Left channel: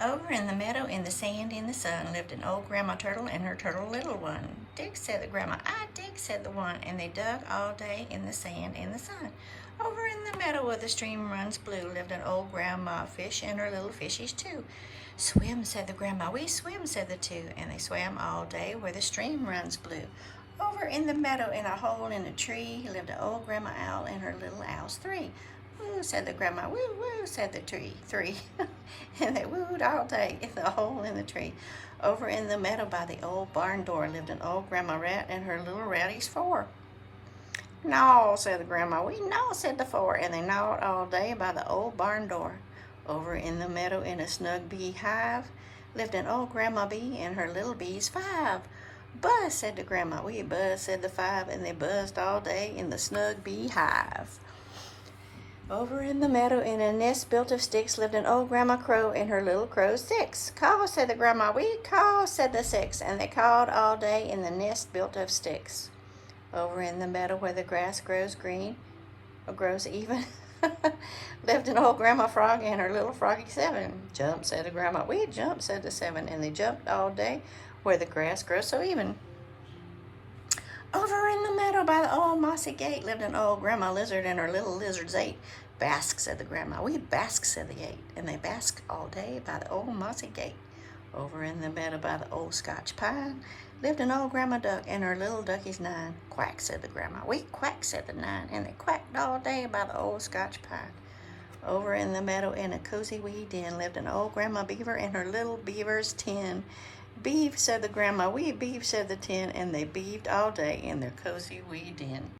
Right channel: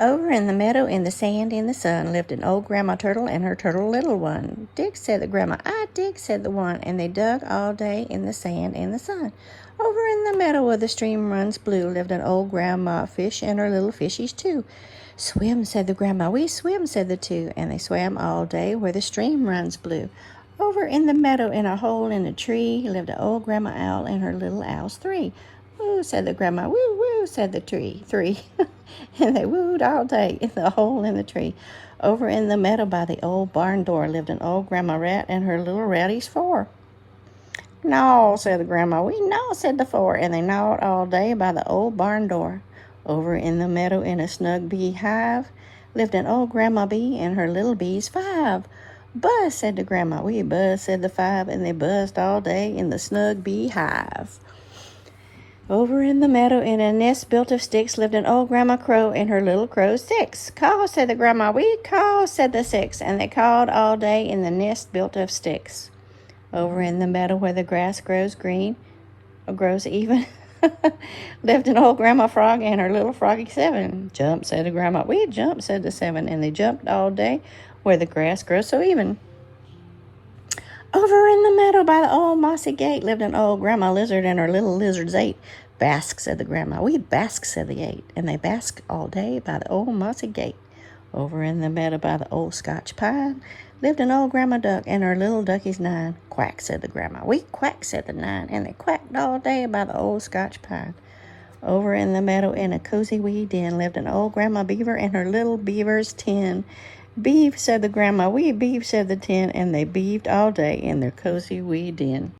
Over in the meadow, in the sand, in the sun, lived an old Grandma Turtle and her turtle little one. Dig, said the grandma. I dig, said the one, and they dug all day in the sand, in the sun. Over in the meadow where the stream runs blue lived an old Grandma Fish and her little fishies too. Swim, said the grandma. We swim, said the two, and they swam all day where the stream runs blue. Over in the meadow, in a hole in a tree, lived an old Grandma Owl and her little owls three. Woo, said the grandma. Woo, woo, said the tree. Three. And they wooed all day in the hole in the tree. Over in the meadow by the old barn door lived an old Grandma Rat and her little ratties four. Gnaw, said the grandma. We gnaw, said the four, and they gnawed all day by the old barn door. Over in the meadow in a snug bee hive lived an old Grandma Bee and her little bees five. Buzz, said the grandma. We buzz, said the five, and they buzzed all day in the snug bee hive. Over in the meadow in a nest built of sticks lived an old Grandma Crow and her little crows six. Caw, said the grandma. We caw, said the six, and they cawed all day in the nest built of sticks. Over in the meadow where the grass grows green, or grows even, lived an old Grandma Frog and her little froggy seven. Jump, said the grandma. We jump, said the seven, and they jumped all day where the grass grows so even. Over in the meadow by the old mossy gate lived an old Grandma Lizard and her little lizards eight. Bask, said the grandma. We bask, said the eight, and they basked all day by the old mossy gate. Over in the meadow by the old Scotch pine lived an old Grandma Duck and her little duckies nine. Quack, said the grandma. We quack, said the nine, and they quacked all day by the old Scotch pine. Over in the meadow in a cozy wee den lived an old Grandma Beaver and her little beavers 10. Beeve, said the grandma. We beeve, said the 10, and they beeved all day in their cozy wee den.